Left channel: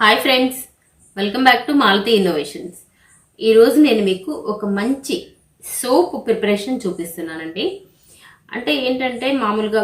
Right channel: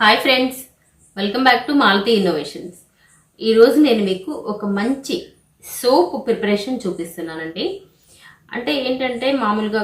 Hi friends, welcome back to Malathi innovations. ఈరోజు నేను మీకు ఒక మంచి సోప్ ప్రిపరేషన్ చూపిస్తున్నానండి. అంటే ఏంటంటే మామూలుగా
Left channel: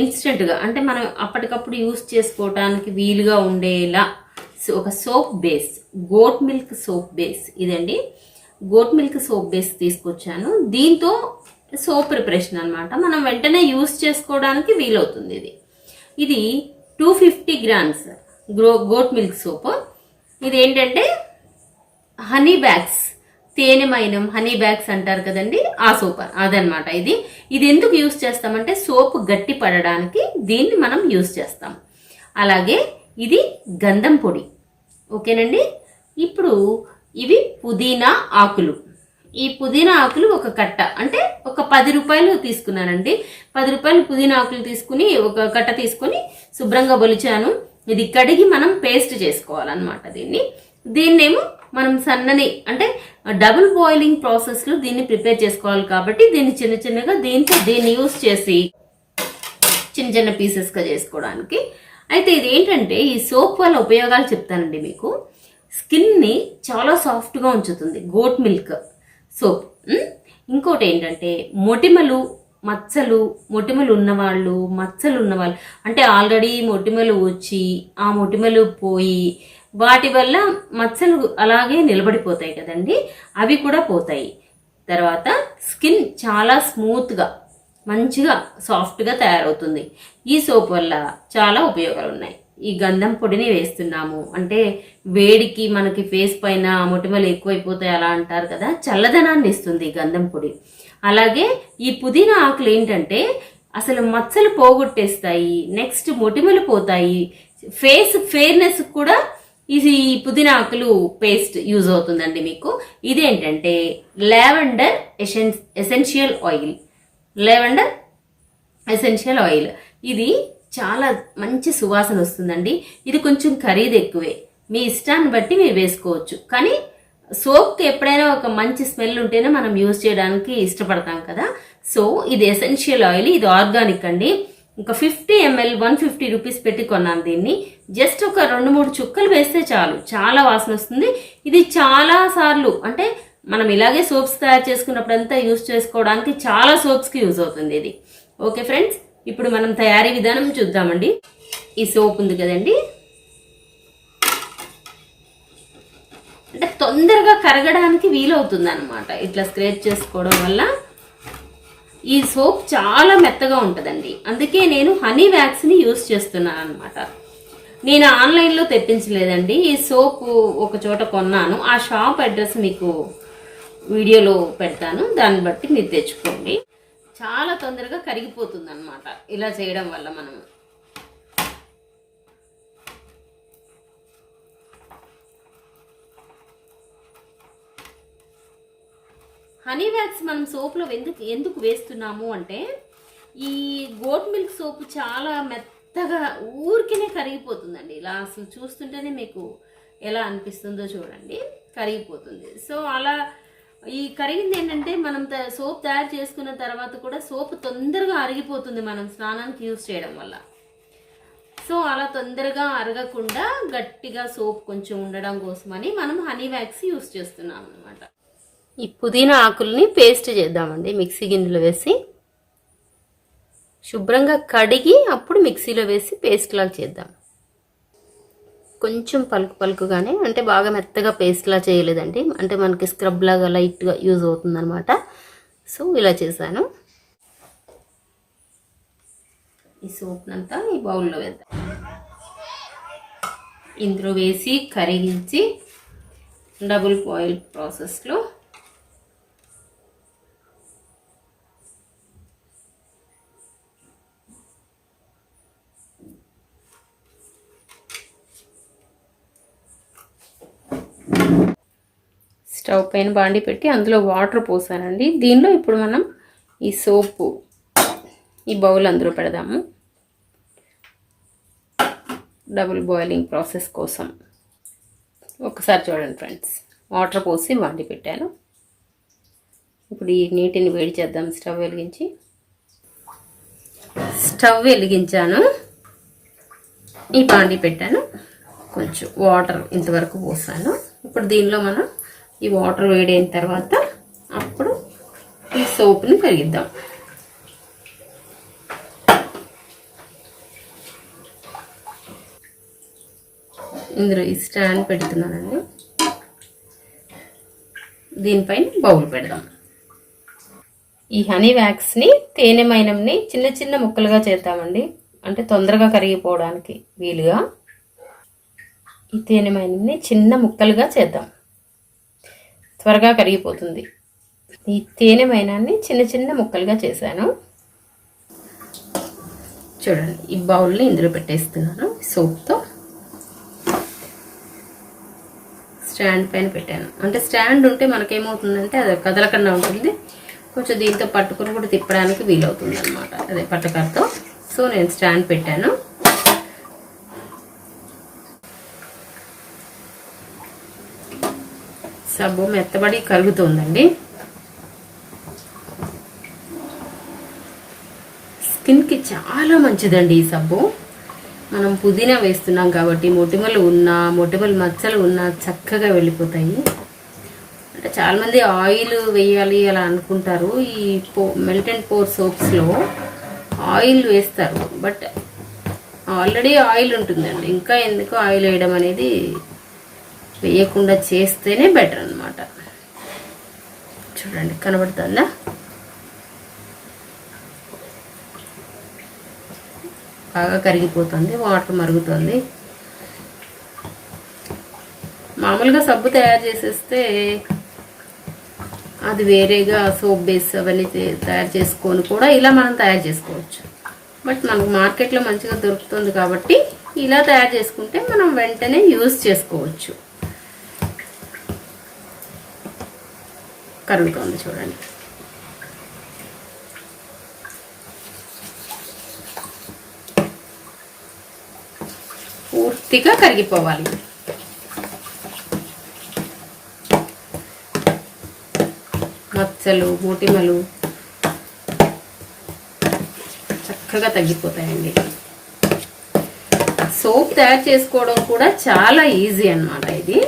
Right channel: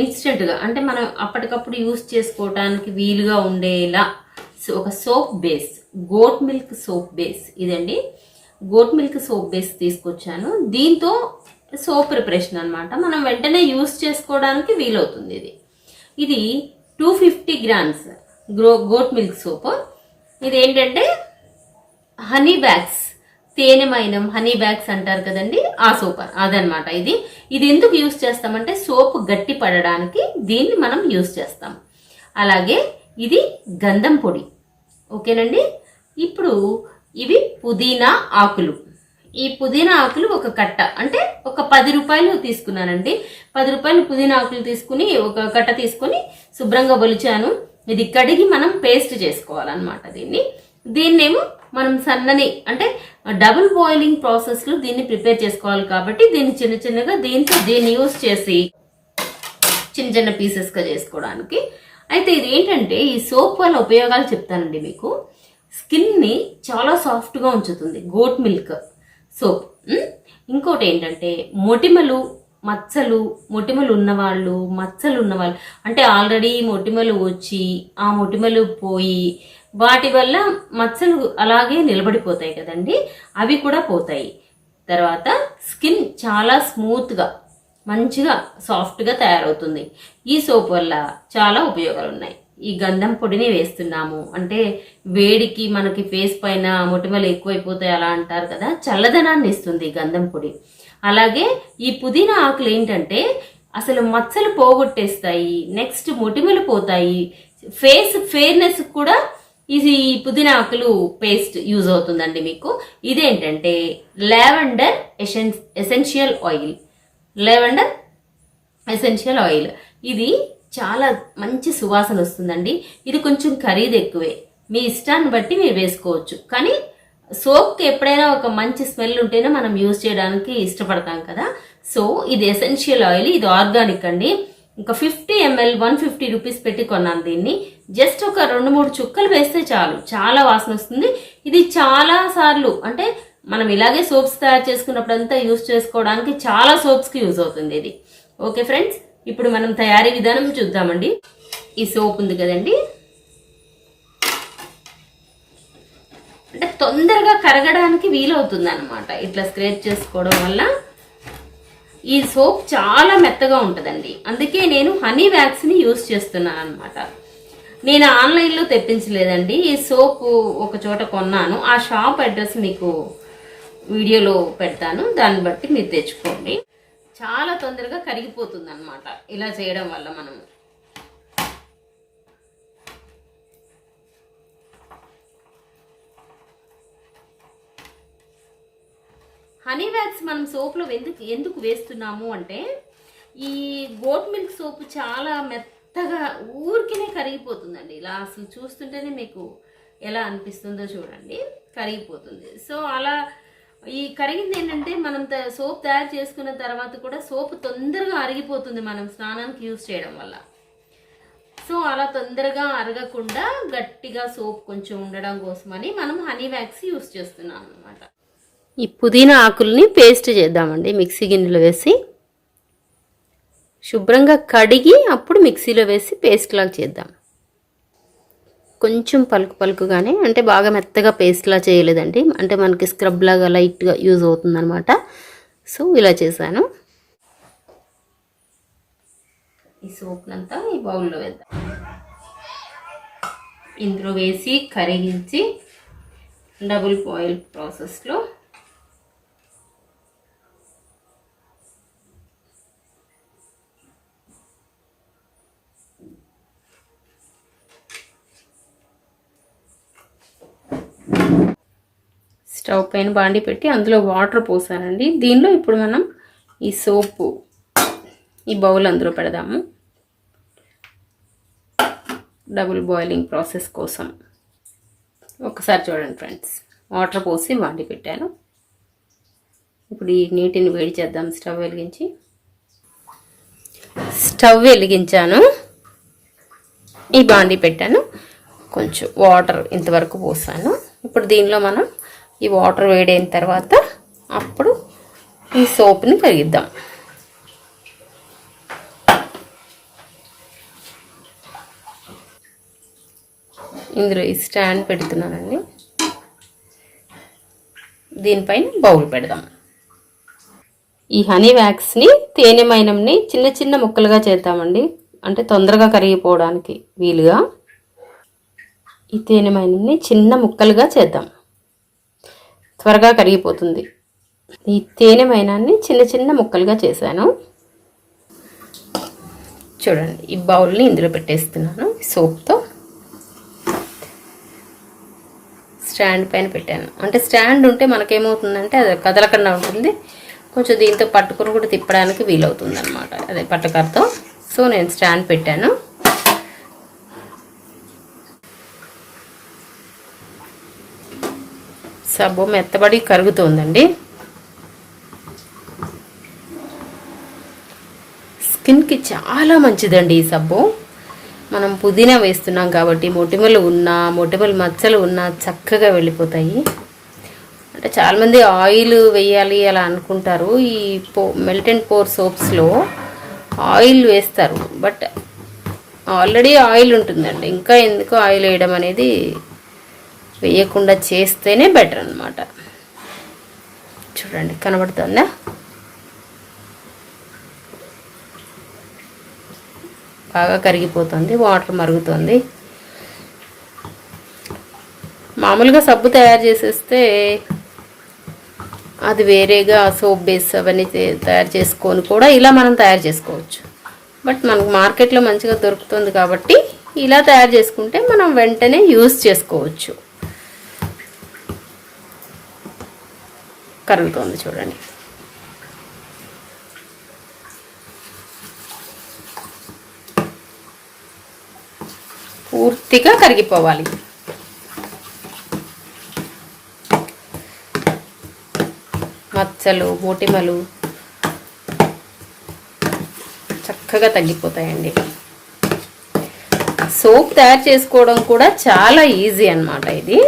ఇన్స్టెంట్గా అంటే మనం అప్పటికప్పుడు యూస్ చేసుకోవడానికి వీలుగా ఉండేలా ఒక soap base, goat milk soap base ఇదండి. గోట్ మిల్క్ సోప్ బేస్ తీసుకొచ్చాను. దీంతో సోప్ ప్రిపరేషన్ అనమాట, మనం వెంటనే యూస్ చేసుకోవడానికి వీలవుతుంది. ఇది 250 గ్రామ్స్ గోట్ మిల్క్ సోప్. ఇది ఏంటంటే హనీ బ్యాగ్స్, తేనె మైనం హనీ బ్యాగ్స్ అంటారు కదండి, ఆ సోప్ అదనమాట. ఇది ఎందుకు యూస్ చేస్తామంటే సోప్ గట్టి పడడానికి దీన్ని మనం యూస్ చేస్తాం. అలాగే ఇది గంధం పొడి, ఓకేనండి. ఇప్పుడు ఇవి పుదీనా ఆకులు. ఈ పుదీనా ఆకులు ఒక కట్ట, అంటే ఒక 10 రూపాయలు తీసుకున్నానండి. 10 రూపాయలు పుదీనా ఆకులు తీసుకుని ఒక కట్ట తీసుకుని శుభ్రంగా బొలిచాను. ఇది కడిగి మనం పేస్ట్ చేసుకోవాలన్నమాట. దీన్నేమో మనం సన్నని అంటే డబుల్ బాయిలింగ్ ప్రాసెస్ లో దీన్ని ప్రిపేర్ చేసుకోవాలి కాబట్టి దీన్ని చిన్న చిన్నగా దీన్ని యూస్ చేసి చిన్న చిన్న పీసెస్ గా చేసుకోవడానికి. అయితే ఇది ఏంటంటే ఈ సోప్ వల్ల ఉపయోగాలు చెప్తానండి మీకు. స్కిన్ ని చాలా సాఫ్ట్ గా ఉంచుతుంది గోట్ మిల్క్ సోప్. ఇంకోటి ఏంటంటే మొటిమలు ఉన్నవాళ్ళు, మచ్చలు ఉన్నవాళ్ళు, అంటే ఆల్రెడీ మొటిమలు వచ్చి ఆ మొటిమలు పోయి వాటి వల్ల మచ్చలు అలాగే నిలబడిపోతాయి కదండి, అవి కూడా పోతాయి. తర్వాత స్కిన్ చాలా స్మూత్గా మంచిగా సాఫ్ట్గా తయారవుతుంది. ఈ సోప్ వల్ల చాలా ఉపయోగాలు ఉన్నాయి. ఈ గంధం పొడిని వేస్తున్నాము అంటే వేడికి మనకి ఫేస్ పైన మొటిమలు ఎక్కువైపోతాయి అలా అంటారు కదా, చల్లదనాన్ని ఇస్తుంది గంధం పొడి. అలాగే ఈ పుదీనా ఆకులు ఏంటంటే అసలు మచ్చలు పోగొట్టేస్తాయి, నెక్స్ట్ మొటిమలు పోతాయి, ఫేస్ ఫెయిర్నెస్ కూడా ఇది పుదీనా ఆకులు పేస్ట్ యూజ్ అవుతుందండి మీకు. ఇదేంటంటే లావెండర్ ఎసెన్షియల్ ఆయిల్. ఇది చాలా మంచి సువాసన వస్తుందండి. ఇది కొంచెం ఖరీదు ఎక్కువే, మీ ఇష్టాన్ని బట్టి మీరు వేసుకోవచ్చు. కానీ సోప్కి ఎప్పుడైనా ఒక మంచి స్మెల్ ఉంటేనే మనం యూజ్ చేయడానికి ఇష్టపడతాం కదా. సో ఇది ఎసెన్షియల్ ఆయిల్, ఇది ఆర్గానిక్ అండి. ఇంకా 50 ml 150 రూపీస్ పెట్టి కొన్నాను దీన్ని. జస్ట్ ఒక 2-3 చుక్కలు వేస్తే చాలు, చాలా వాసన వస్తుంది. ఇది చాలా సార్లు అంటే మనం ఇలాగే సోప్స్ తయారు చేసుకున్నప్పుడంతా యూజ్ చేసుకోవడానికి చాలా సోప్స్కి యూజ్ అవుతుంది ఇది. ఓకే ఫ్రెండ్స్, ఇప్పుడు మనం తయారీ విధానం చూద్దామండి. ఈ సోప్ ఉంది కదండి, అంటే తొందరగా కరగడానికి వీలవుతుంది అనమాట. ఇట్లా స్క్రేప్ చేసుకోవడం వల్ల ఈ సోప్ చాలా మెత్తగా ఉంటుందండి. అందుకే నేను హనీ వ్యాక్స్ని యూజ్ చేస్తున్నాను అనమాట. నేను ఆన్లైన్లో తెప్పించలేదండి, ఈ సోప్ ఒక చోట కొన్నాను. ఆ షాప్ అడ్రస్ మీకు వీడియోలో పెడతాను, దాన్ని బట్టి మీరు తెచ్చుకోండి. చాలా తొందరగా కరిగిపోతుంది అనమాట ఇలా చేయడం వల్ల. మనం హనీ వ్యాక్స్ మనం సోప్లో ఎందుకు వేస్తున్నాము అంటే ఈ గోట్ మిల్క్ సోప్ చాలా మెత్తగా ఊరికినే కరిగిపోతుందండి. ఇలా అసలు చూస్తుంటేనే మీకు ఎలా అనిపిస్తుందో చూడండి, కరిగిపోతుంది. సో అలా ఈ కరిగింది ఏంటంటే మనం సోప్ తయారు చేసుకున్న తర్వాత కూడా సోప్ తొందరగా అరిగిపోతుంది మనం స్నానానికి యూజ్ చేయడం వల్ల. సో అలా తొందరగా అరగకుండా గట్టిగా సోప్ కొంచెం ఉండడం కోసమని మనం హనీ వ్యాక్స్ యూజ్ చేస్తున్నాం అనమాట. ఈ పుదీనా ఆకుల్ని పేస్ట్ చేద్దామండి. మిక్సీ గిన్నెలో వేసి శుభ్రంగా కడిగి అప్పుడు మిక్సీలో వేసి పేస్ట్ లాగా చేద్దాం. కొంచెం పలుకుగానే, అంటే బాగా మెత్తగా పేస్ట్లా చేయలేదండి, అంటే మనకి స్క్రబ్ లాగా లైట్గా యూజ్ అవుతుందన్నమాట. సో ఇలా చేశాను. ఈ సోప్నంతా ఈ బౌల్లో వేద్దాం. ఇందులో వేసి కరిగించి డబుల్ బాయిల్ ప్రాసెస్లో స్టవ్ పైన బాండి పెట్టి అందులో వాటర్ పోసానండి. దీనిలో ఇప్పుడు మనం ఈ సోపు ఈ బౌల్ అందులో పెడదాము డబుల్ బాయిలింగ్ ప్రాసెస్ కోసం. ఒకసారి చూడండి ఫ్రెండ్స్, వాటర్ పోసి బాండి పెట్టాను. ఇప్పుడు ఈ నీటిని వేడి చేద్దాం. స్టవ్ వెలిగించాను, ఈ బాండి పెట్టాను. కొంచెం వాటర్ ఇంతవరకు పోసాను. ఇప్పుడు దీనిలో మనం ఈ వాటర్ వేడైన తర్వాత అప్పుడు ఈ సోప్ని కరిగిద్దాం. ఇందులో ఈ స్టాండ్ పెడుతున్నానండి. దీనిపైన బౌల్ పెడదాం. ఈ హనీ వ్యాక్స్ని తేనె మైనంని చిన్న చిన్న ముక్కలుగా చేద్దామండి, అంటే తొందరగా కరిగిపోవడానికి వీలుగా. ఈ తేనె మైనంని చిన్న ముక్కలుగా చేద్దాం, త్వరగా కరిగిపోతుంది. ఈ తేనె మైనాన్ని చిన్న చిన్న ముక్కలుగా చేశాను. చూడండి, ఈ బౌల్ని ఇందులో పెట్టేస్తున్నాను. సోప్తో స్టాండ్ పైన పెట్టాను. అంటే స్టాండ్ ఉంటే మనకేమవుతుందంటే అది కదలకుండా ఉంటుంది. కొంచెం దీంతో పట్టుకుని కూడా తిప్పడానికి వీలవుతుంది అనమాట, అదే పట్టకరతో. సో నేను స్టాండ్ పెట్టాను. సబ్బు మెత్తబడి కరుగుతుందండి. స్కిన్కి చాలా మంచిదండి ఈ సబ్బు. మనం పుదీనా వేస్తున్నాం కాబట్టి మొటిమలు ఉన్నా, మొటిమలు మచ్చలు ఉన్నా చక్కగా వెళ్ళిపోతాయి. అంటే చాలామంది ఆయిల్ వేయాలి అలా అనుకుంటారు. ఈ మెల్ట్ అండ్ పోర్ సోప్స్లో ఆయిల్ వేస్తారు, బట్ ఆల్రెడీ ఆయిల్ ఉంటుందండి. ఇంకా ఎందుకు ఆయిల్ వేయడం అనేది, వేయకుండా చేస్తేనే బెటర్ అన్నమాట. చూడండి, కనబడుతుందా? బాగా కరిగిపోతుంది, వాటర్ మరుగుతుంది. మామూలుగా సబ్బు తయారు చేసేస్తే అది వేరేగా సోప్ బేస్ అవన్నీ తయారు చేసుకొని కూడా ఇలా మనం తయారు చేసుకోవచ్చు. బట్ మనకు మార్కెట్లో మంచిగా దొరుకుతుంది కాబట్టి ఇలా తయారు చేసుకుంటే మనం వెంటనే యూజ్ చేసుకోవచ్చు. కరుగుతుంది చూడండి. పూర్తిగా కరిగిపోవాలి. మచ్చలు, మొటిమలు చక్కగా తగ్గిపోతాయండి. సోప్ తయారు చేసుకోవడం కూడా చాలా ఈజీ అన్నమాట ఇది.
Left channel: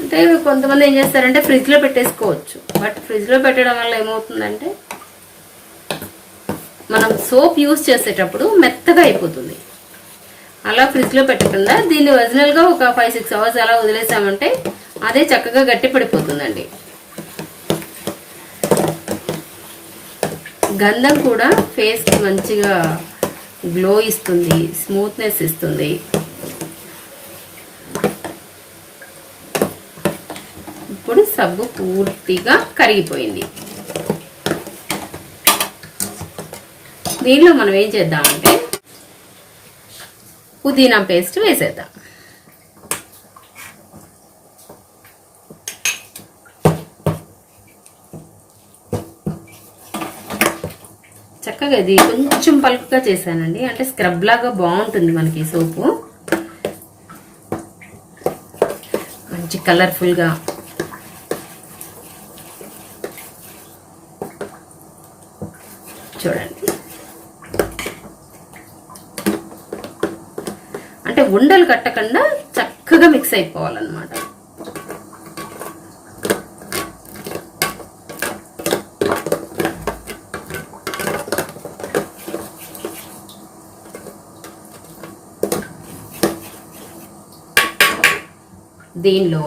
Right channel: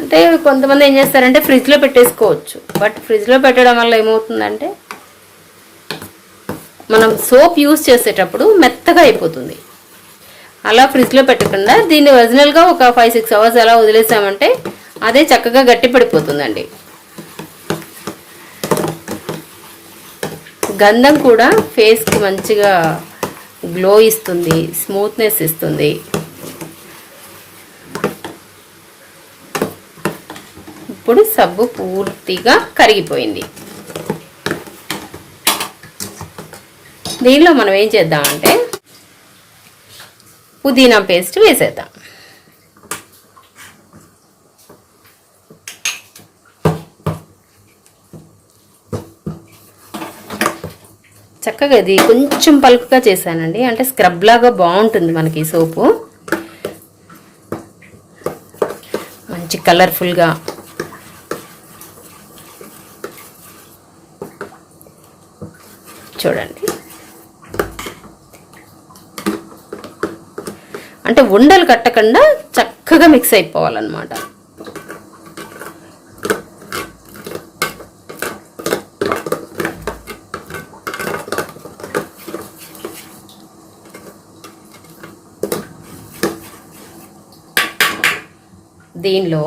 అంటే కొంతమంది ఏం చేస్తారంటే ఫ్రిడ్జ్లో పెట్టేసుకోవచ్చు. బట్ ఫ్రిడ్జ్లో పెట్టడం వల్ల ఏమవుతుందంటే మనం సోప్ యూజ్ చేసేటప్పుడు మెత్తగా అయిపోతుంది. అలా ఫ్రిడ్జ్లో పెట్టకుండా దీన్ని ఒరిజినల్గా ఒక 5-6 అవర్స్ అలా వదిలేసామంటే అదే చక్కగా గట్టి పడిపోతుందండి. గంధం కూడా ఫేస్కి మంచిగా గ్లో ఇస్తుంది, స్మూత్నెస్ ఇస్తుంది. ఇప్పుడు సబ్బు పూర్తిగా కరిగిపోయింది. దీనిలో మనం ఏం చేద్దామంటే పుదీనా పేస్ట్ వేసేద్దాం. చక్కగా ఇది కొంచెం పలుకుగా చేశానండి, అంటే స్క్రబ్ లాగా బాగుంటుంది మనకి సోపు. మంచి కలర్ఫుల్గా చూడండి. అంటే ఉండలు కట్టకుండా చక్కగా మిక్స్ అయిపోవాలన్నమాట. దీనిలో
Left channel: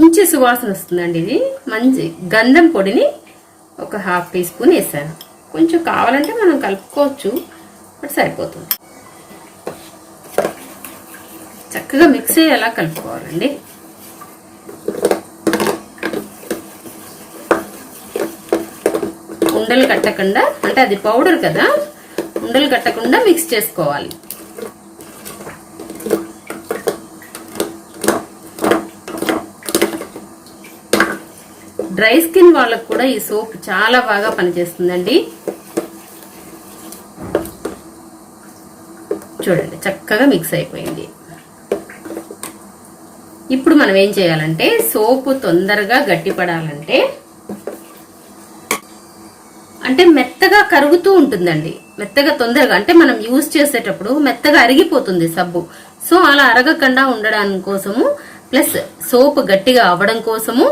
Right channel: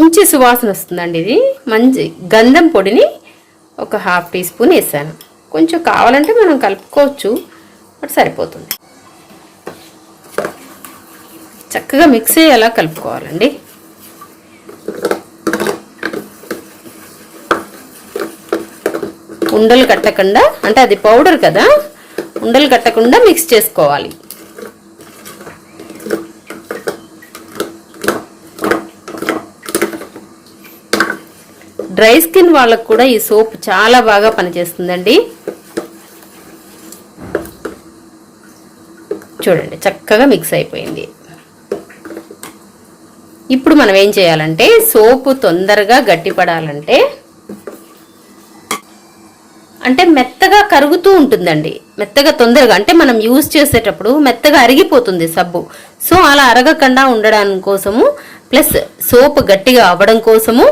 మంచి సువాసన వస్తుందండి. ఇది మంచి గంధం పొడిని ఒక 1/2 టీ స్పూన్ వేసాను. కొంచెం కావాలంటే మనం కలుపుకోవచ్చు, బట్ సరిపోతుంది. చక్కగా మిక్స్ అయ్యేలా కలుపుకోవాలండి. ఉండలు కట్టకుండా, అంటే అది పౌడర్ కదా, ఉండలు కట్టకుండా మిక్స్ చేసుకోవాలి. డ్రై స్కిన్ వాళ్ళకు కూడా ఈ సోప్ చాలా బాగా పనిచేస్తుందండి. చూడండి, చక్కగా మిక్స్ అయిపోయింది. ఇప్పుడు మనం ఏం చేయాలంటే సోపు తొందరగా గట్టిపడాలంటే అంటే మెత్తగా కరుగుతూ ఉంటుందండి, మెత్తగా తొందరగా అంటే మనం యూజ్ చేసేటప్పుడు మెత్తగా అరిగిపోతుంది సబ్బు. సో అలా అరగకుండా ఉండడానికి కోసము ప్లస్ సోప్ గట్టిగా అవ్వడం కోసము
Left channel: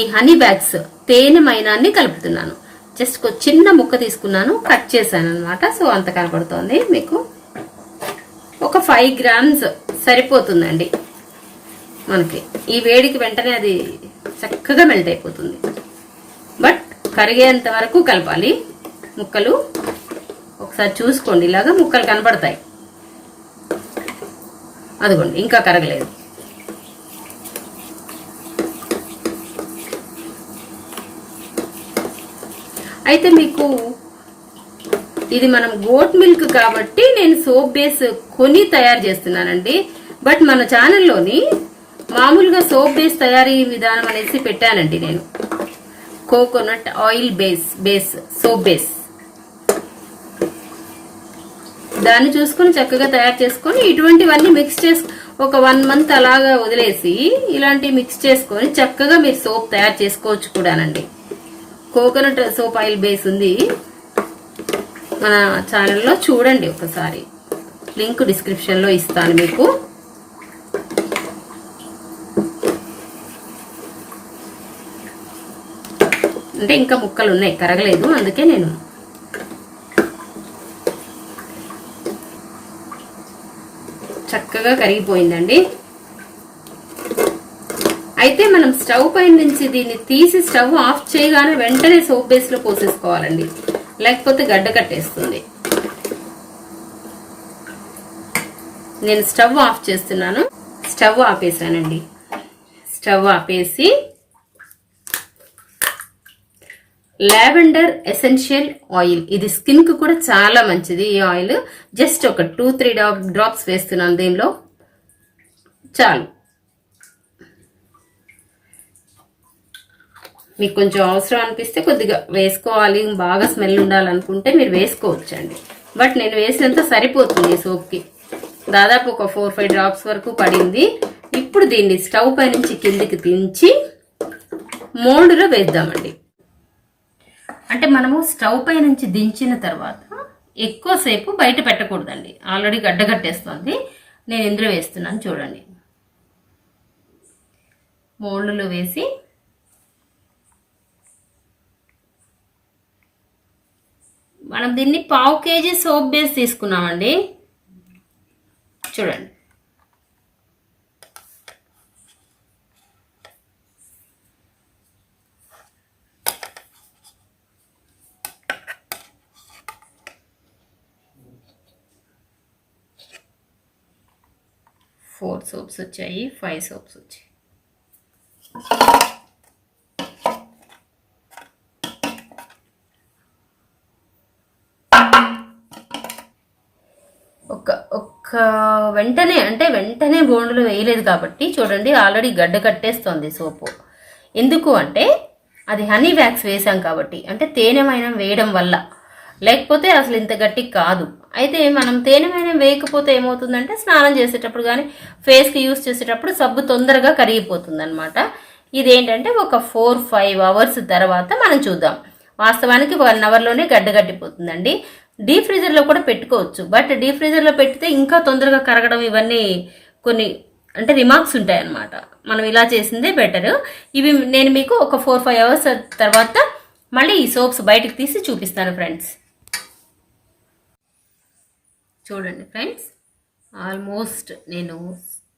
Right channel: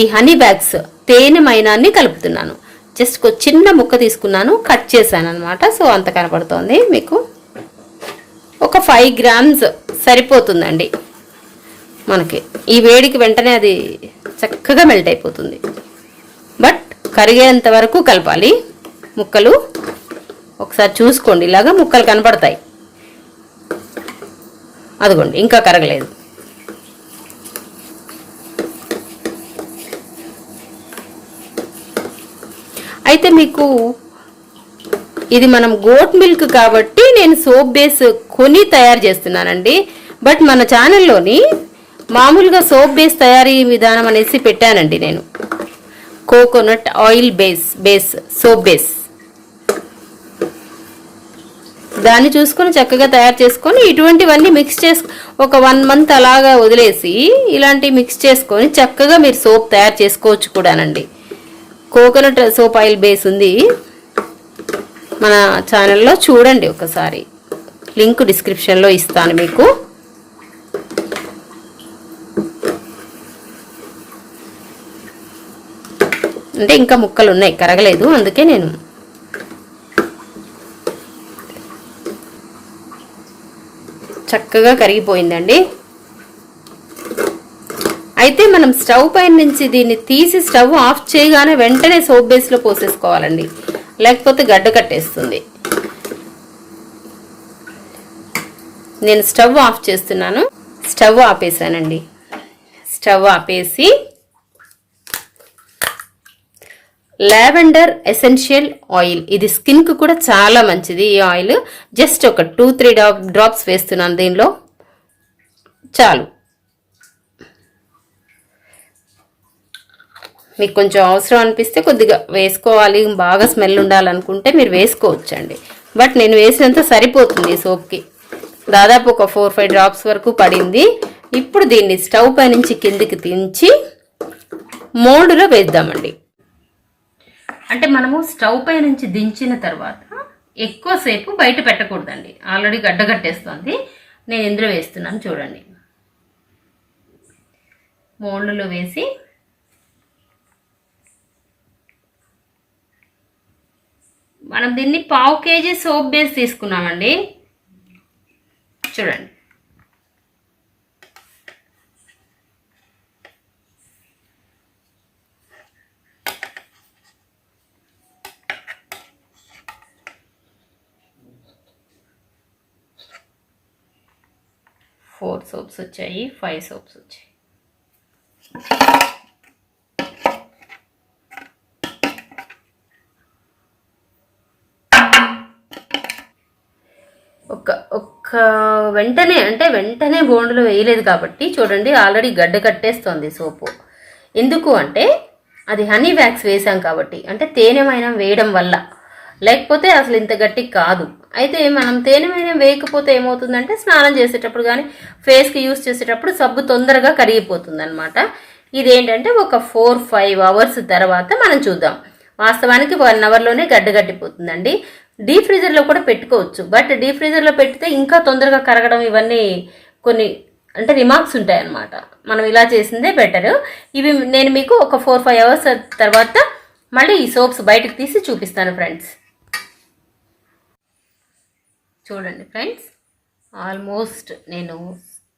ఈ హనీ బ్యాగ్స్ తేనె మైనాన్ని కలుపుతున్నాను. జస్ట్ ఒక చిన్న ముక్క తీసుకున్నాను, కట్ చేశాను అనమాట. సో అంత కనపడుతోంది మీకు. ఒక 5 గ్రామ్స్ సరిపోతుందండి మనకి. ఈ వేడికి వెంటనే అది చక్కగా మెల్ట్ అయిపోతుంది. బట్ కరిగేంత వరకు కలపాలి ముక్కలు. ఒకసారి చూసుకోండి, ఇలాగా ముక్కలు కనపడతాయి. అదిగోండి ఇంకా కరగలేదు. అయితే మీకు ఇది మనం గోట్ మిల్క్ కాబట్టి నేను సోప్ బేస్ కొని తయారు చేస్తున్నానండి. బట్ మన ఛానల్లోని మామూలుగా సోప్ బేస్ తయారీ విధానం అనేసి పెట్టానండి నేను. Coconut oil base soap base, దాన్ని చూసుకొని చక్కగా తయారు చేసుకొని ఇటువంటివన్నీ మిక్స్ చేసి ఒక 1 మంత్ అలాగా వదిలేసి ఇలాంటివి మిక్స్ చేసుకొని చక్కగా మీరు సోప్ తయారు చేసుకోవచ్చు కూడానండి. కోకోనట్ సోప్ ఆయిల్ బేస్ ఉంది మన ఛానల్లో, చూడండి ఒకసారి. లింక్ డిస్క్రిప్షన్లో ఇస్తాను మీకు. అంటే ఇంకా ముక్కలు ఉన్నాయి, కరగలేదు, అందుకే నేను చక్కగా కరిగిపోయిందండి. అయితే మనం స్టవ్ పైన నుంచి దీన్ని తీసి స్టవ్ ఆఫ్ చేయగానే వెంటనే సోప్ బేస్లో పోసేసుకోవాలండి, లేకపోతే గడ్డ కట్టేస్తుంది. నేను స్టవ్ ఆఫ్ చేస్తున్నాను. స్టవ్ ఆపేసానండి. స్టవ్ ఆపేసి లావెండర్ ఎసెన్షియల్ ఆయిల్, ఇది స్కిన్ కు కూడా చాలా మంచిది. ఈ ఆయిల్ జస్ట్ ఒక 2-3 డ్రాప్స్ వేస్తున్నాను దీనిలో, చాలు. మీకు కొంచెం అవసరం అనిపిస్తే కొద్దిగా వేసుకోవాలి, బాగా స్మెల్ ఉండాలనుకుంటే మీరు వేసుకోవచ్చండి. బట్ నేను వేసినంత సరిపోతుంది సోప్కి. దాదాపు ఒక 4-5 డ్రాప్స్ వరకు పడింది. ఇప్పుడు దీన్ని స్టవ్ పై నుంచి కిందికి దించి మోల్డ్లో వేద్దామండి. అంటే మనము స్టవ్ పై నుంచి దించిన తర్వాత ఎక్కువసేపు బయట పెట్టకూడదండి, ఆల్రెడీ గడ్డ కట్టేస్తుంది. నేను ఇందులో వేస్తున్నాను, చూడండి. మోల్డ్లో వేసి మనం దీన్ని 1/2 kg సోప్ బేస్ తీసుకున్నామండి, చూడండి. ఫోర్ సోప్స్ వచ్చాయి, 5 సోప్స్ వచ్చాయి. వెంటనే బోండులో వేయలేదు కాబట్టి చూడండి, ఆల్రెడీ గడ్డ కట్టేస్తోంది సోపు. ఎందుకు అంటే అది హనీ వ్యాక్స్ వేసాం కాబట్టి, అంటే తేనెమైనం వేయడం వల్ల. లేకపోతే అసలు ఇంత గట్టి కాదు. అయితే మనం తేనెమైనం వేయకపోతే ఏమవుతుందంటే స్నానం చేసేటప్పుడు కానీ ఫేస్కి యూస్ చేసేటప్పుడు సబ్బు తొందరగా కరిగిపోతుంది అనమాట. ఇదేంటంటే ఒక 4-5 అవర్స్ తర్వాత మనం చూద్దాం. వాస్తవానికి 1 అవర్లోనే గడ్డ కట్టిపోతుందండి. డీప్ ఫ్రీజర్లో కూడా పెట్టుకోవచ్చు, బట్ డీప్ ఫ్రీజర్లో పెడితే ఇంకా తొందరగా కరగడం ఇవన్నీ కొన్ని అంటే రిమార్క్స్ ఉంటాయన్నమాట. మనం ఇలా చేసిందే బెటర్. ఇవి నేను మీకు ఒక 4-5 అవర్స్ తర్వాత మళ్ళీ ఈ సోప్స్ బయటకు తీసి చూపిస్తాను ఫ్రెండ్స్. చూడండి ఫ్రెండ్స్, ఆల్మోస్ట్ నేను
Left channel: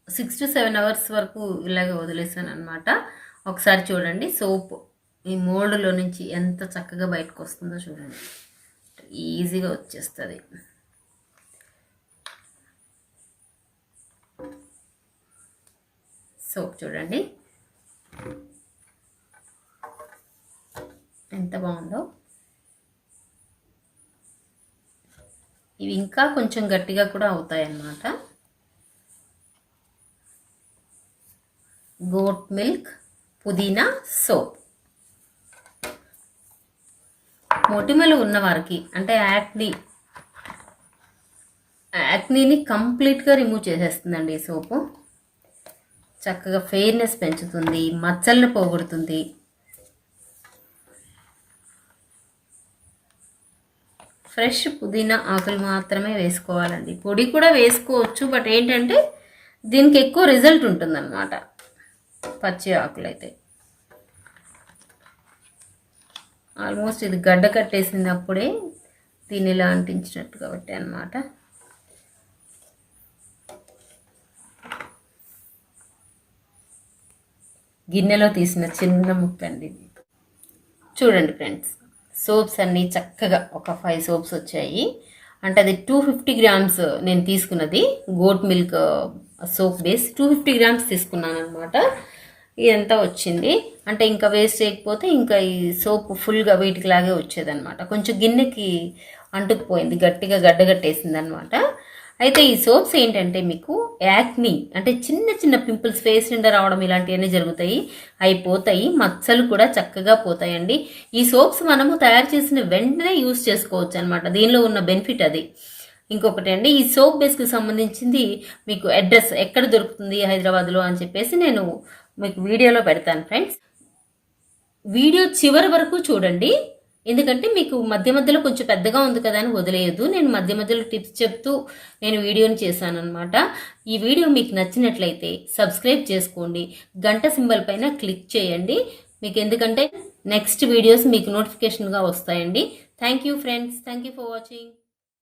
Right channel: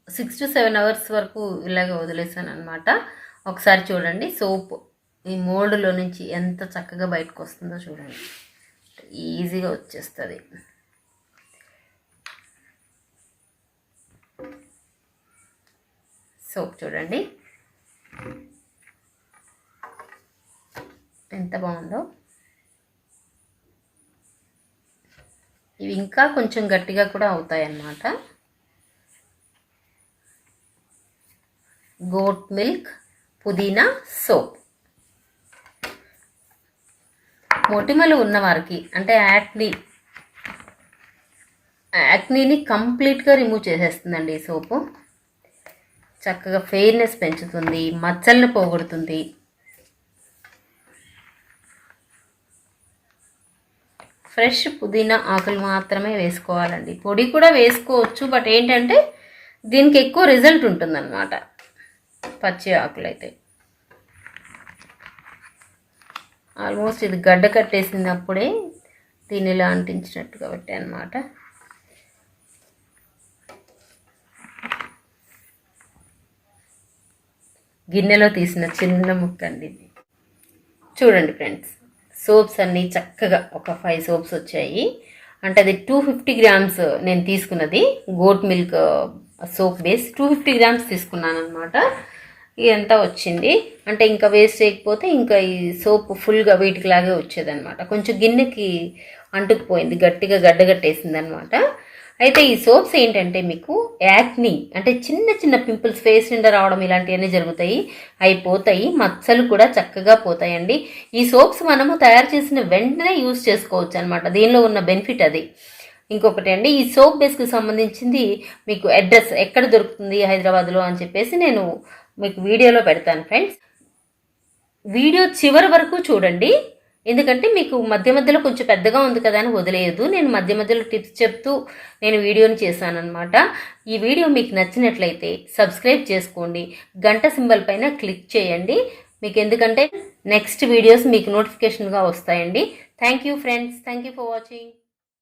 6 to 7 అవర్స్ వరకు ఇలాగ వదిలేసాను అనమాట. ఒకసారి చూడండి సోప్ ఈ మోల్డ్లో నుంచి ఎంత చక్కగా బయటకు వస్తుందో చూడండి, ఈజీగా వచ్చేస్తుంది. సోప్ చూడండి ఎంత బాగుందో. ఇవి ఇంకా కొంచెం గట్టిగా కూడా అవుతాయి అన్నమాట. గోట్ మిల్క్ పుదీనా సోప్. మొటిమలు ఉన్నవారికి అంటే యాక్నీని కంప్లీట్గా రిమూవ్ చేసేస్తుందండి ఈ సోపు. చక్కగా ఫెయిర్నెస్ పెంచుతుంది, మచ్చలను పోగొడుతుంది. ఫ్రెష్ పుదీనా ఆకులు మాత్రమే వేసుకోవాలండి. పొడి కూడా వేసుకోవచ్చు, బట్ ఏంటంటే దీనికి ఎక్కువ రిజల్ట్ ఉంటుందన్నమాట పచ్చి ఆకులు అయితే. ఆల్మోస్ట్ ఇది గడ్డ కట్టేసినప్పుడే దీన్ని ఇలా అంటించినట్టు కాబట్టి అన్నమాట. గిన్నెలో తీసిన చిన్న ముక్క అండి ఇది. చూడండి ఫ్రెండ్స్, సోప్స్ అన్నీ చక్కగా ఒక 5 సోప్స్ వచ్చాయి. అంటే అది 250 గ్రామ్స్ నేను తీసుకున్నది. Goat milk soap base 250 grams తీసుకున్నాను అనమాట. ఇదంతా వచ్చింది. అంటే ఇంకా వేస్ట్ చేయకపోతే ఇంకా ఈ సోప్ ఫుల్గా వీటికి లాగే వచ్చేదనమాట. కొంచెం గిన్నెకి అంటుకుపోయింది, గట్టిగా గడ్డగట్టేసింది అనమాట. అయితే ఈ సోప్స్ ఏంటంటే మీకు యాక్ని అంటే చిన్న చిన్న పింపుల్స్, ఫేస్ నిండా రావడం ఇలాంటివన్నీ జరుగుతాయి, అయిపోతాయి. మచ్చలు కూడా చక్కగా పోతాయండి. ఈ సోప్స్ మనము తయారు చేసిన వెంటనే యూజ్ చేసుకోవచ్చు అనమాట. దీనిలో ఉన్న బెనిఫిట్ అది. ఇంకొకటి అండి, ఈ సోప్ బేస్కి సంబంధించింది మీకు అడ్రస్ ఎక్కడ దొరుకుతుంది హైదరాబాద్లో అని చెప్పేసి నేను మీకు వీడియోలో పెడతాను ఫ్రెండ్స్. వీడియో చివరి వరకు చూడండి, ఎందుకంటే మీకు మధ్య మధ్యలో కొంచెం పెద్దగా ఉంది కదా అని వదిలేయద్దు. నేను మధ్య మధ్యలో టిప్స్ చెప్తూ నేను వీడియోని చేశాను అనమాట. ఈ వీడియో మీకు నచ్చినట్లయితే సబ్స్క్రైబ్ చేసుకోండి, గంట సింబల్ పైన క్లిక్ చేయండి. మీకు ఎందుకంటే నెక్స్ట్ వీడియోస్ మీకు నోటిఫికేషన్గా వస్తాయండి. Thank you friends, thank you for watching.